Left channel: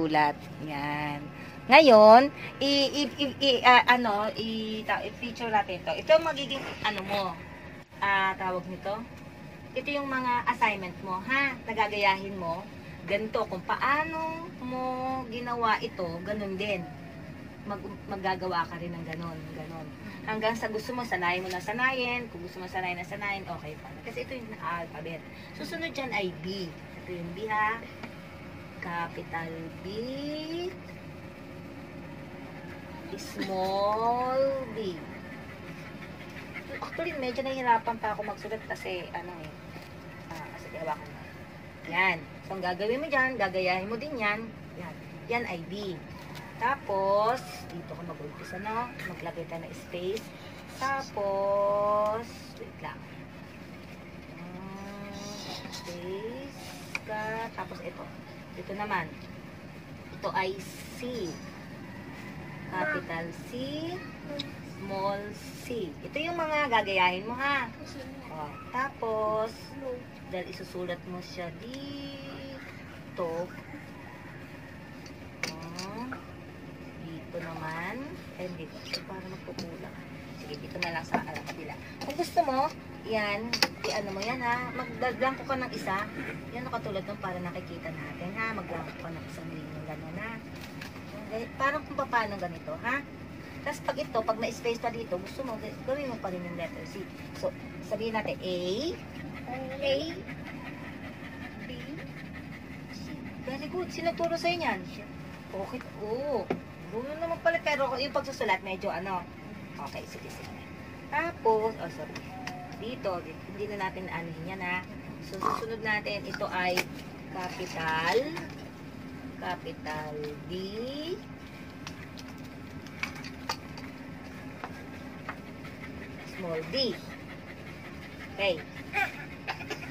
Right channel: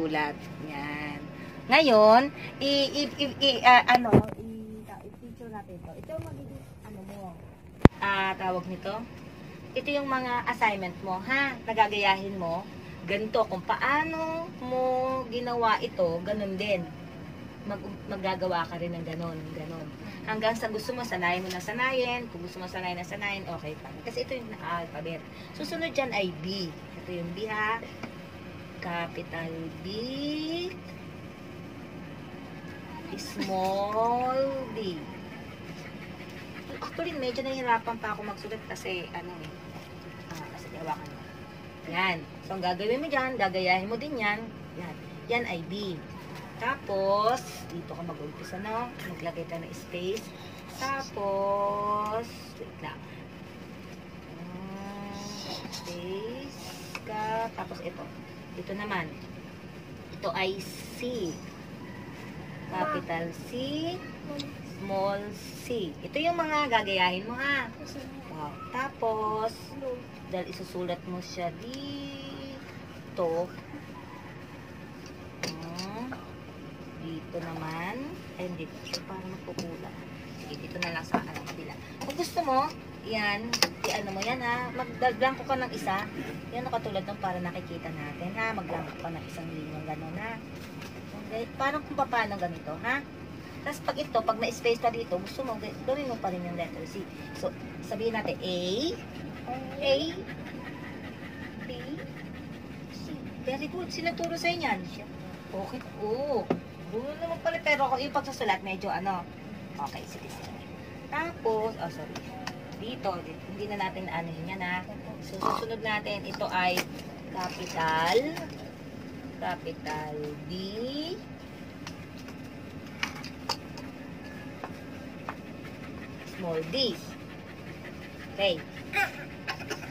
Ulat. Yan. Ngayon, i-feature natin to. Ito ang magiging, tawag nito. Ito yung mga assignment mo, ha? Nagagayahin mo. Ganito, kung paano mo ginawa ito, ganun din. Maggagawa ka rin ng ganun. Hanggang sa gusto mo, sanayin mo na sanayin. Kung gusto mo sanayin na sanayin, okay pa. Kasi ito yung alphabet. Susunod dyan ay B. Ito yung B, ha? Capital B. Small b. Actually, medyo nahihirapan pa ako magsulat kasi, kasi gawakan mo. Yan. So, ang gagawin mo dyan, gagayahin mo din yan. Yan. Yan ay B. Tapos, dito ka mag-umpisa na. Maglagay tayo ng space. Tapos, wait lang. Space ka. Tapos, ito. Ito naman. Ito ay C. Capital C, small c. Ito yung mga gagayahin mo, ha? O, tapos, dahil isusulat mo siya dito, dito naman, and dito, para magpupula. Sige, dito na lang sa kabila. Kung gusto mo, yan, i-ano mo yan, ha? Magdaglang ko ng isa. Yan, katulad ng para nakikita natin, ha? Magdaglang ko ng isang linya, gano'n, ha? Parang kung paano ganito, ha? Tapos pag ito, pag na-space pa dito, gusto mo, gawin mo pa rin yung letter C. So, sabihin natin A, B, C. Very good. Sinuturo sa'yo yan. Okay. Oo. Doon naman pala. Pero yung pagsusulat, medyo Okay, sige. Tapos, sorry. Dito, hindi na natin anuhin yan, ha? So, susunod natin, ito ay capital D, small d. Okay.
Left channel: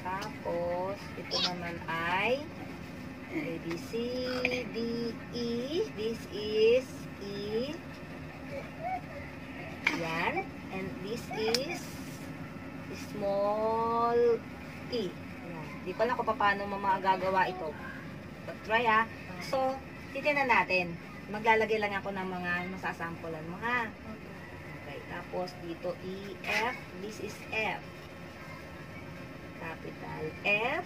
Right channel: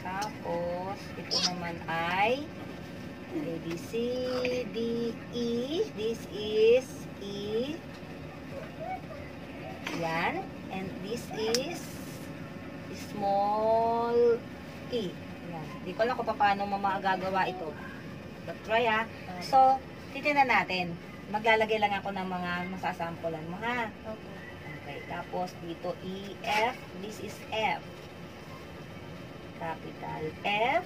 Tapos, ito naman ay A, B, C, D, E. This is E. Yan. And this is small e. Yan. Di ko lang kung paano mo magagawa ito. But try, ha. So, titignan natin. Maglalagay lang ako ng mga masasampulan mo, ha? Okay. Tapos, dito, E, F. This is F. Capital F.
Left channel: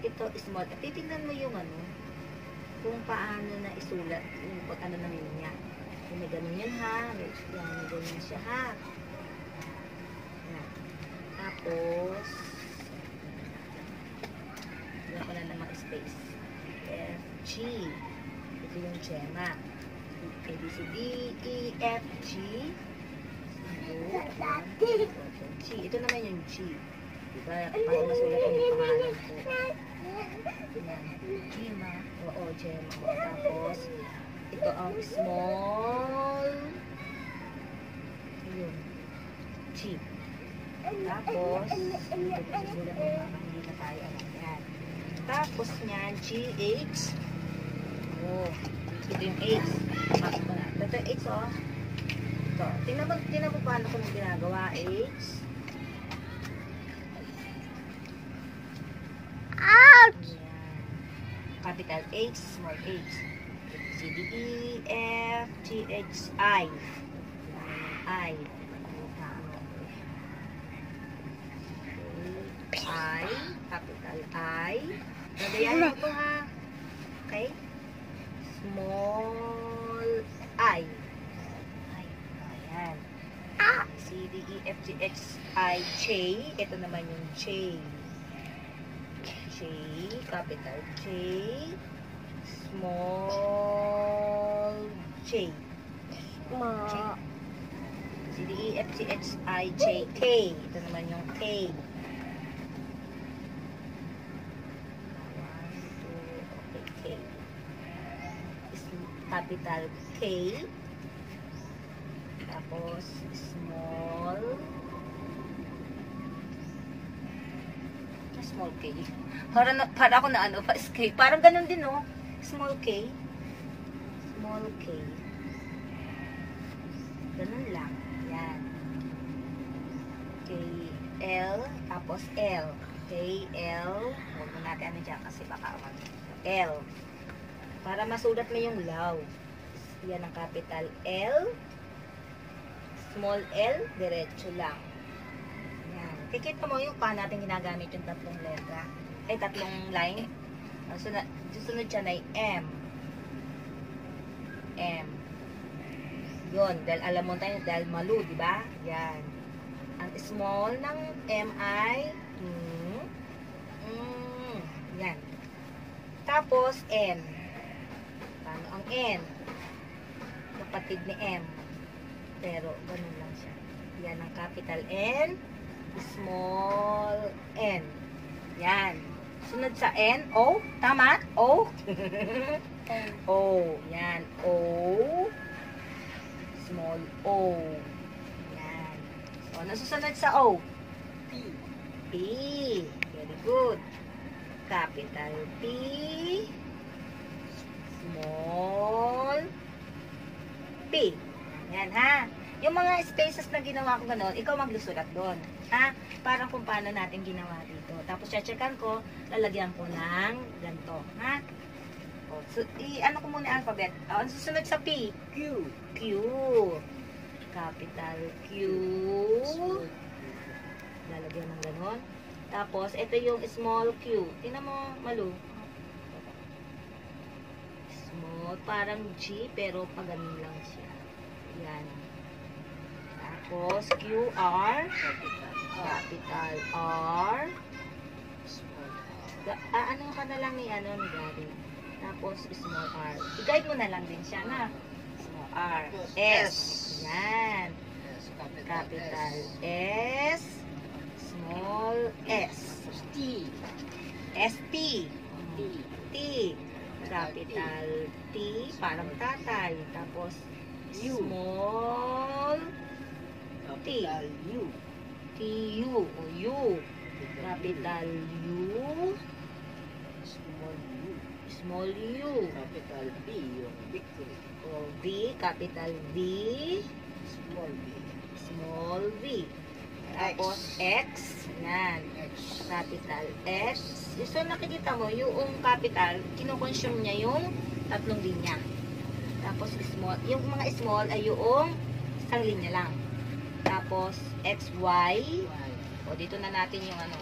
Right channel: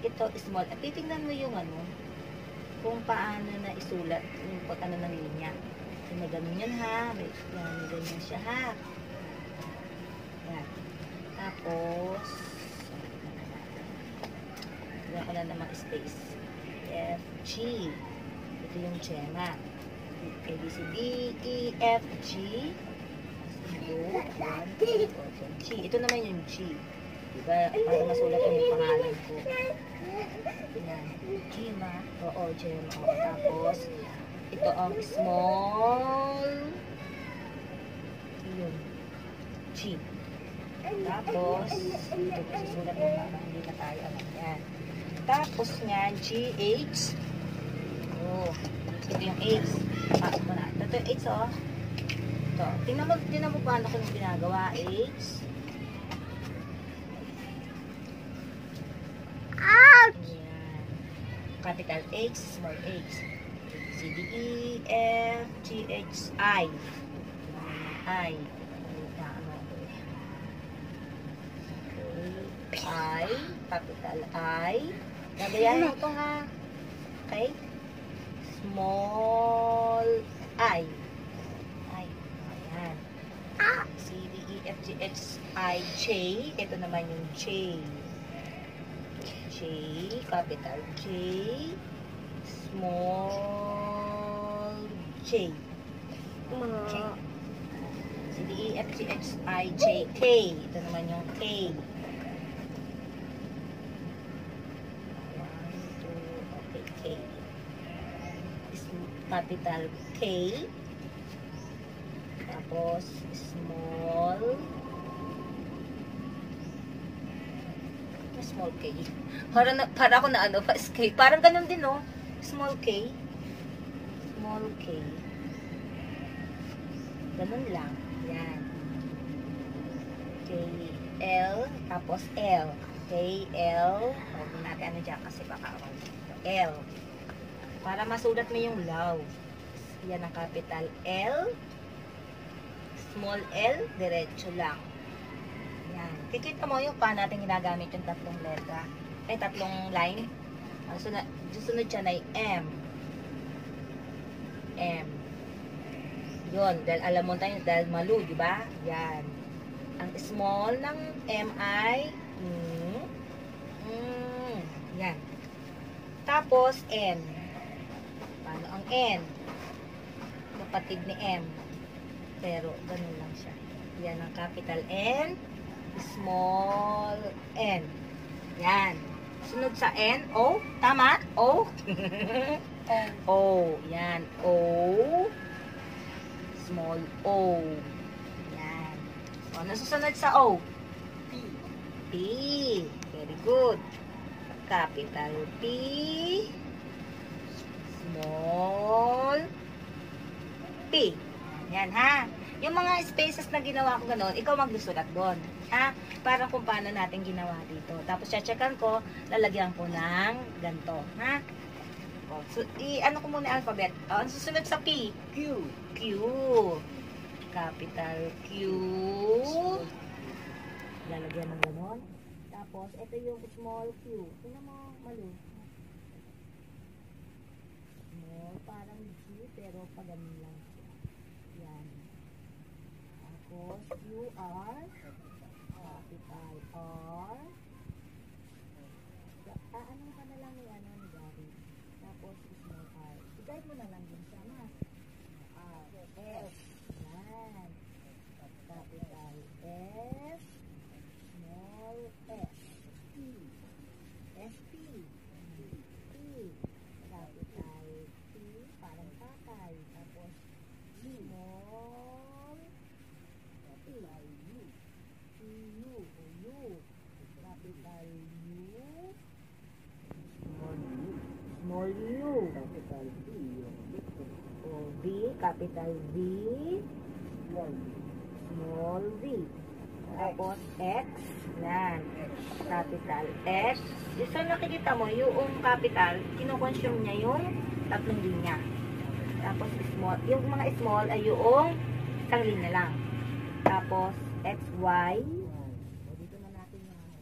Ito, small. At titignan mo yung kung paano na isulat. Yung ng linya. Yung na ganun yan, ha? Yung ganyan siya, ha? Yan. Tapos, yan ko na namang space. F, G. Ito yung Gemma. A, B, C, D, E, F, G. G. Ito naman yung G. Diba? Para masulat yung pangalan ko. Gemma. Oo, Gemma. Tapos, ito ang small. Yun. G. Tapos, ito susulat mo mga hindi na tayo. Yan. Tapos niyan, G-H. Oh, ito yung H. Ito na. Ito yung H, oh. Ito. Tingnan mo paano kung ginagawa. H. Ouch! Capital H, small H. C, D, E, F, G, H, I. I. I, capital I. Gagayahin mo ito, ha? Okay? Small I. Ayan. C, D, E, F, G, H, I, J. Ito naman yung J. J, capital J. Small J. C, D, E, F, G, H, I, J, K. Ito naman yung K. Capital K. Tapos, small. Small K. Para ako na K. Parang ganun din, no? Small K. Small K. Ganun lang. Yan. K, L. Tapos L. K, L. Huwag natin dyan kasi baka L. Para masulat mo yung love. Yan ang capital L. Small L, diretso lang. Yan. Kikita mo yung paano natin ginagamit yung tatlong letra. Ay, tatlong line. Sunod siya na yung M. M. Yun. Dahil alam mo tayo, dahil malu, di ba? Yan. Ang small ng M ay yan. Tapos, N. Paano ang N? Kapatid ni M. Pero, ganun lang siya. Yan ang capital N, small N. Yan. Sunod sa N, O. Tama? O. O. Yan. O. Small O. Yan. So, ano susunod sa O? P. P. Very good. Capital P. Small P. Yan ha. Yung mga spaces na ginawa ko gano'n, ikaw maglusulat doon. Ha? Parang kung paano natin ginawa dito. Tapos checkan ko, lalagyan ko ng ganito. Ha? O, so, ano ko muna alphabet. O, ang susunod sa P? Q. Q. Capital Q. Lalagyan ng gano'n. Tapos, ito yung small q. Tingnan mo, malu. Small, parang G, pero paganin lang siya. Yan. Tapos, QR. Capital R. Ano ka na lang ni Gary. Tapos, small r. I-guide mo na lang din siya, na. Small r. S. Yan. Capital S. Small s. T. ST. T. Capital T. Parang tatay. Tapos, small T. U. T-U. O U. Capital U. Small U. Small U. Capital B. Yung victory. O V. Capital V. Small V. Small V. Tapos X. Yan. Capital X. So nakikita mo, yung capital, kinoconsume niya yung tatlong linya. Tapos small. Yung mga small ay yung isang linya lang. Tapos X, Y. O dito na natin yung ano.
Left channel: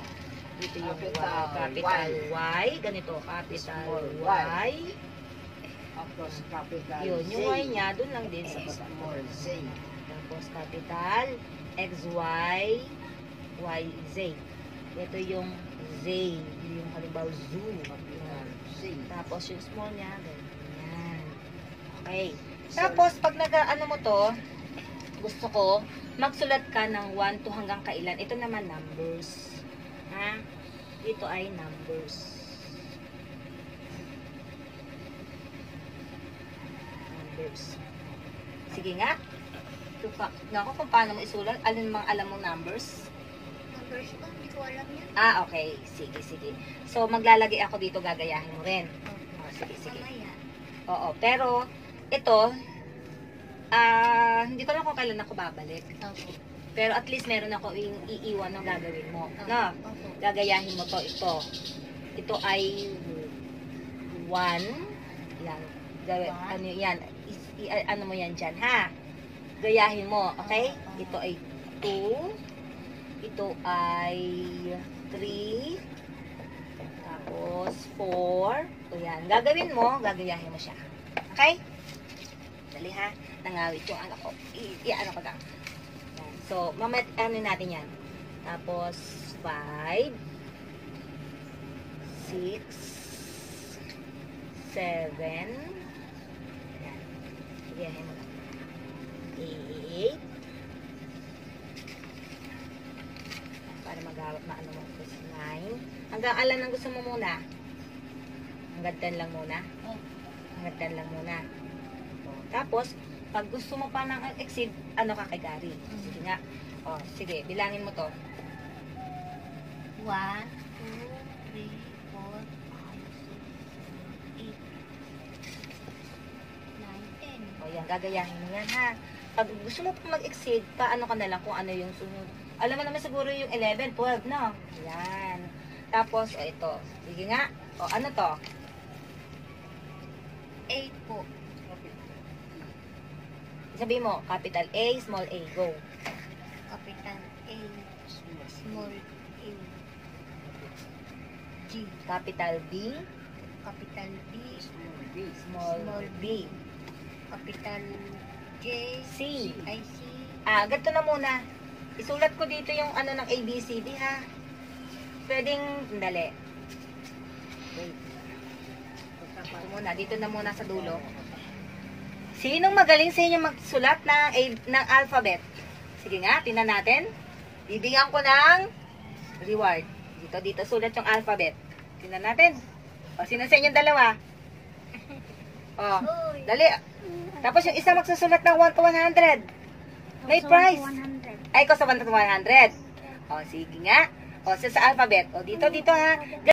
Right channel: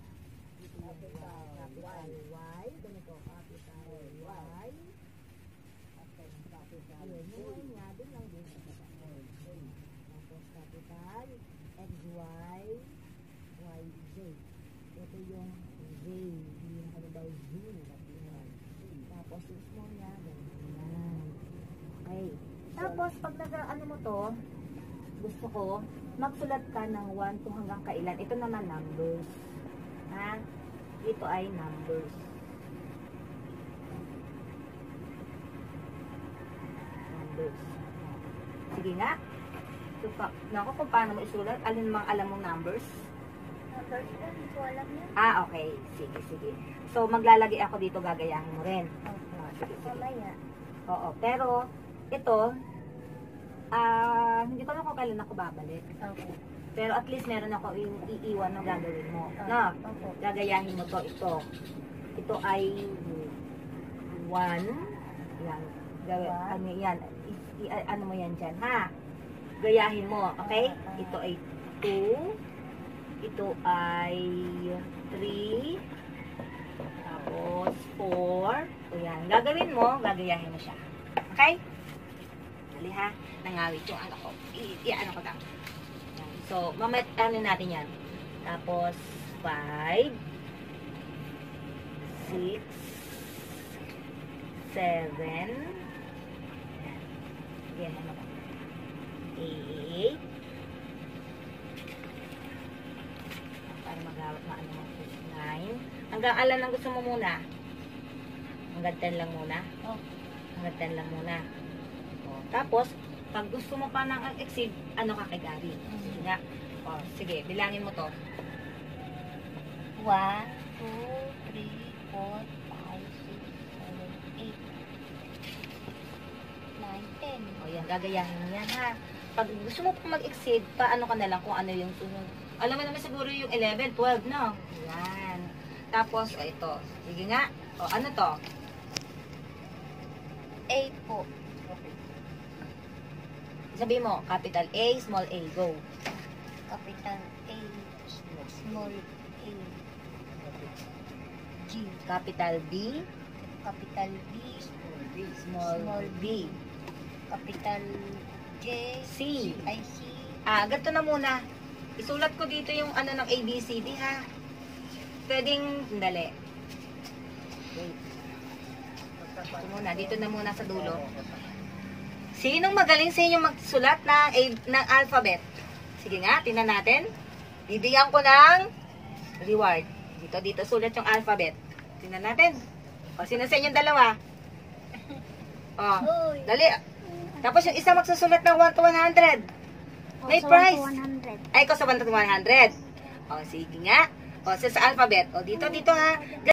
Dito yung capital Y. Ganito, capital Y. Tapos capital Z. Yun, yung Y niya, dun lang din sa baba. Tapos capital X, Y, Y, Z. Ito yung Z. Yung halimbawa zoo. Tapos yung small niya, ganyan. Okay. Tapos pag nag-ano mo to, gusto ko, magsulat ka ng 1 to hanggang kailan. Ito naman numbers. Ha? Ito ay numbers. Numbers. Sige nga. Nako, kung paano mo isulat, alin mga alam mong numbers? Numbers ko, hindi ko alam yan. Okay. Sige, sige. So, maglalagay ako dito, gagayahin mo rin. Sige, sige. Oo, pero, ito, hindi ko na kung kailan ako babalik. Okay. Pero at least meron ako yung iiwan ng gagawin mo. No? Gagayahin mo to, ito. Ito ay 1. Yan. Ano yan? Ano mo yan dyan, ha? Gayahin mo, okay? Ito ay 2. Ito ay 3. Tapos 4. O yan. Gagawin mo, gagayahin mo siya. Okay? Dali ha. Nangawit yung ano ko. Ano ko lang. Yan. So, mamaya natin yan. Tapos 5, 6, 7. Yan. Gayahin mo lang. 8. Para magawat maano mo. 9. Hanggang alam ang gusto mo muna. Hanggang 10 lang muna. Hanggang 10 lang muna. Tapos, pag gusto mo pa ng exceed, ano ka kay Gary? Sige nga. Sige, bilangin mo to. 1, 2, 3, 4, 5, 6, 7, 8, 9, 10. Yan, gagayahin mo yan ha. Pag gusto mo pa mag-exceed, paano ka na lang kung ano yung sunod. Alam mo naman siguro yung 11, 12, no? Yan. Tapos, ito. Sige nga. Ano to? A po. Sabi mo, capital A, small a, go. Capital A, small A, G. Capital B, Capital B, small b. capital J, C. I, C. Ganito na muna. Isulat ko dito yung ano ng ABCD, ha? Pwedeng, dali. Wait. Ito muna, dito na muna sa dulo. Sinong magaling sa inyo magsulat ng alphabet? Sige nga, tingnan natin. Bibigyan ko ng reward. Dito, sulat yung alphabet. Tingnan natin. O, sino sa inyong dalawa? O, dali. Tapos yung isa magsusulat ng 1 to 100. May prize. Ay, ko sa 1 to 100. O, sige nga. O, sa alphabet. O, dito ha.